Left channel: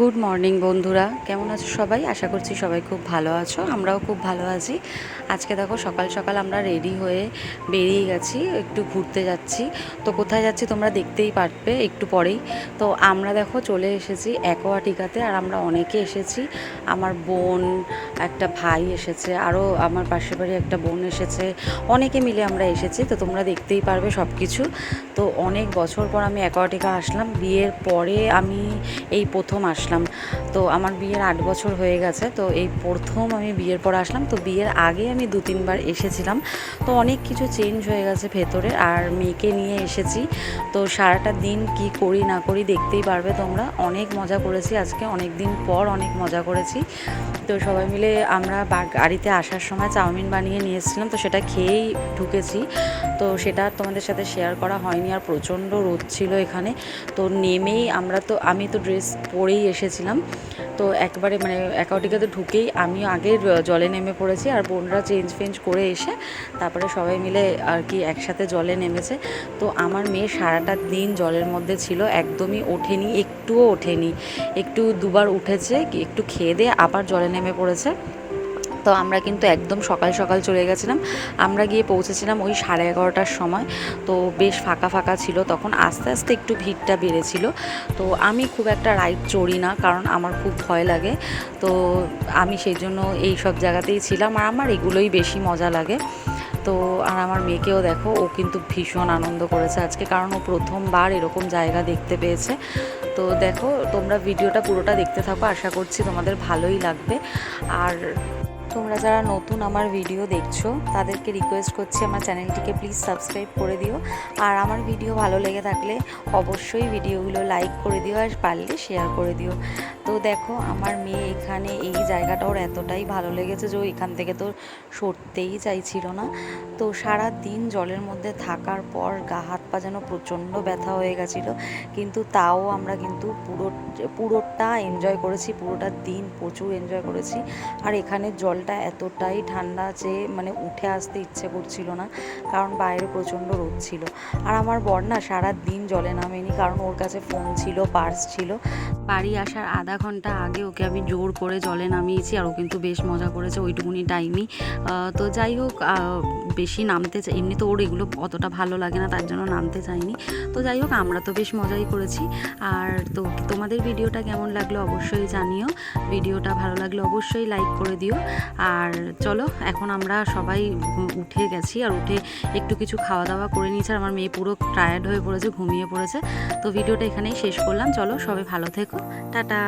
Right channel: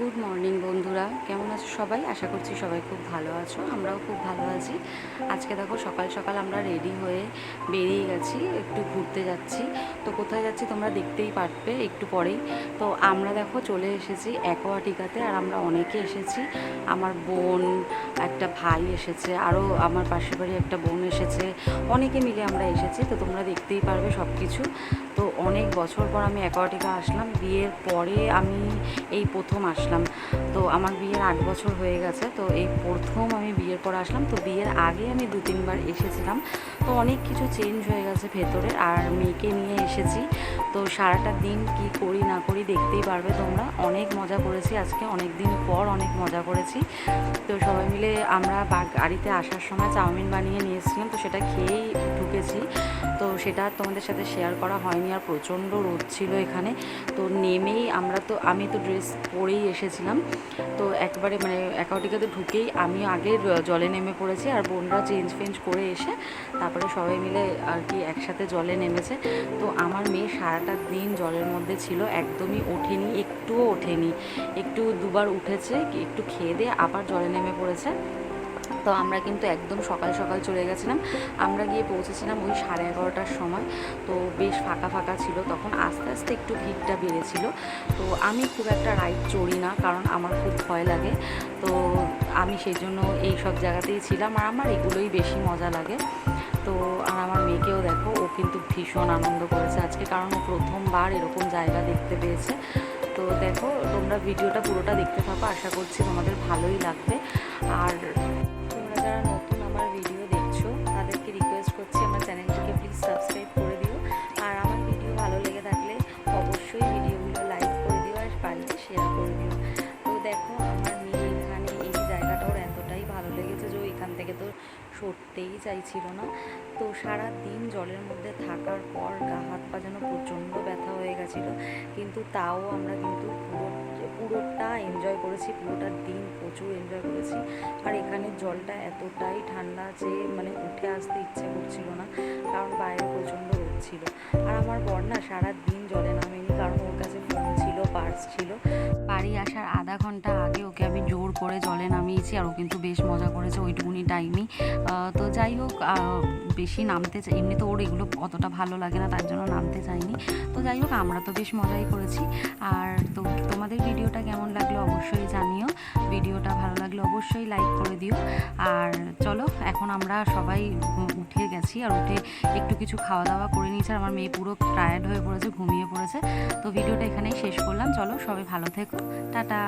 Good morning বন্ধুরা, কেমন আছো সবাই? আশা করছি সবাই খুব ভালো আছো, আমরাও খুব ভালো আছি। আজকে দেখো সকাল সকাল আমরা রেডি হয়ে বেরিয়ে গেছি, একটু ঘুরতে যাচ্ছি। তো কোথায় যাচ্ছি তোমরা দেখতেই পারবে একটু পরেই। তো আমরা দেখো চলে এসেছি অ্যাকোয়াটিকাতে, আর আমরা অনেকে এসেছি। আমার বোন, একটা ভাই এসেছে, আরও আমার পাশের বাড়ি একটা বোন এসেছে, অনেকে মিলে আমরা এসেছি। তো তোমরা দেখতেই পারবে সব কিছু। তো অনেক বছর পর আমি অ্যাকোয়াটিকা আসলাম, বিয়ের পরে আমি এই প্রথম আসলাম। তো আমার বিয়ের 8 বছর হয়ে গেছে, তো এই প্রথম আমি বিয়ের পর আসলাম। তো বিয়ের আগে আমি 2-3 বার এসেছিলাম। তো অনেক কিছু চেঞ্জ হয়ে গেছে ভেতরে, আর মেয়েকে নিয়ে এসেছি। তো সারাটা দিন কি করি না করি দেখতেই পারবে তোমরা। অনেক মজা করেছি আজকে, অনেক দিন পর অনেক মজা করেছি। তো সবাই মিলে আমরা গাড়িতে আসার সময় চাউমিন বানিয়ে নিয়ে এসেছিলাম, তো সেটা খেয়েই ঢুকেছি। তো সেটা তোমাদের সাথে শেয়ার করা হয়নি, আর প্রচণ্ড রোদ ছিল এখানে। তো নেমেই আমি তো ড্রেস পরেই এসেছিলাম। তো একবারে মানে অ্যাকোয়াটিকাতে ঢুকেই আমিও আগে জলে নেমে পড়েছি, আর বোনরা চেঞ্জ ফেঞ্জ করে এসে তারপরে সবাই মিলে আর কি একসাথে জলে নেমেছে। তো আমার মেয়ে সারাটা দিন জলের মধ্যে ছিল, একদমই ওঠেনি, একটুও ওঠেনি। একটু দুবার উঠেছে, একটু খেয়ে দিয়ে আবার জলে নেমে পড়েছে। তো আমরা কিন্তু একদম সকাল সকাল চলে গেছিলাম। আমরা গিয়ে পৌঁছেছিলাম ওই 11:30টার সময়। তো বেশ ফাঁকা ফাঁকা ছিল তখন, আস্তে আস্তে একটু ভিড়টা বেড়েছিল। তো আমি খুব একটা রাইড চড়ি না, কারণ আমার খুব ভয় লাগে। তো আমি সেই জন্য এই সব জায়গাতেই ছিলাম, আর আমার এগুলোই বেশি মজা লাগে। তো আর আমার মেয়েকেও দেখো, ও কিন্তু ভীষণ আনন্দ করেছে আজকে, কারণ ও প্রথমবার এরকম জায়গা দেখতে পেয়েছে। তো দেখো তোমরা ভিডিওটা পুরোটা দেখতে থাকো, আশা করছি তোমাদের ভালোই লাগবে। আর তোমরা যারা নতুন আমার ভিডিও দেখছো তাদেরকে রিকোয়েস্ট করছি আমার চ্যানেলটিকে প্লিজ সাবস্ক্রাইব করে দিও। আর আমার ভিডিও ভালো লেগে থাকলে অবশ্যই ভিডিওগুলো লাইক করে দিও, আর পারলে শেয়ার করে দিও। তো দেখো আমার মেয়ে এখানে এই জায়গাটা ওর এতটাই ভালো লেগেছে যে ও এখান থেকে তো সরতেই চাইছিল না। তো সারা দিন জলের মধ্যে থাকার পর গা হাত পা যেন প্রচণ্ড ব্যথা হয়ে গেছিলো, কিন্তু তাও আমরা কিন্তু পুরোটা এনজয় করেছি, পুরোটা দিন প্রচুর এনজয় করেছি। আর এখানের জলটা এতটাই ঠান্ডা যে মানে উঠে আসতে ইচ্ছে করছিল না, কারণ বাইরে প্রচণ্ড রোদ ছিল। আর আমার বর না সারা দিন জলে নামেনি, কারণ ওর কাছে ফোন ছিল, পার্স ছিল। বাড়ি আসার আধা ঘন্টা আগে ওকে আমি জোর করে জলে নামিয়েছি, আর ও কিন্তু বেশ মজা করেছে ওইটুকুনি টাইমই। তো যাই হোক, বেশি নামতে চাই, এমনি তো ওর এগুলো অতটা ভালো লাগে না, তার জন্য নামতে চাইনি। তো যাই হোক, আমরা তো বেশ মজাই করেছি। আর তো তোমাদের ভিডিওটা কেমন লাগলো অবশ্যই জানিও। ভিডিওটা ভালো লাগলে অবশ্যই লাইক করে দিও। আর চলো, এখন আমরা সবাই উঠে গেছি, আর উঠে একটু কিছু খাওয়া দাওয়া করে নিয়েছি। আর আমার মেয়ে পুরো টায়ার্ড হয়ে পড়েছে, ঘুমিয়ে পড়েছে। তো ভিডিওটা এখানেই শেষ করলাম। চলো সবাই ভালো থেকো, টাটা।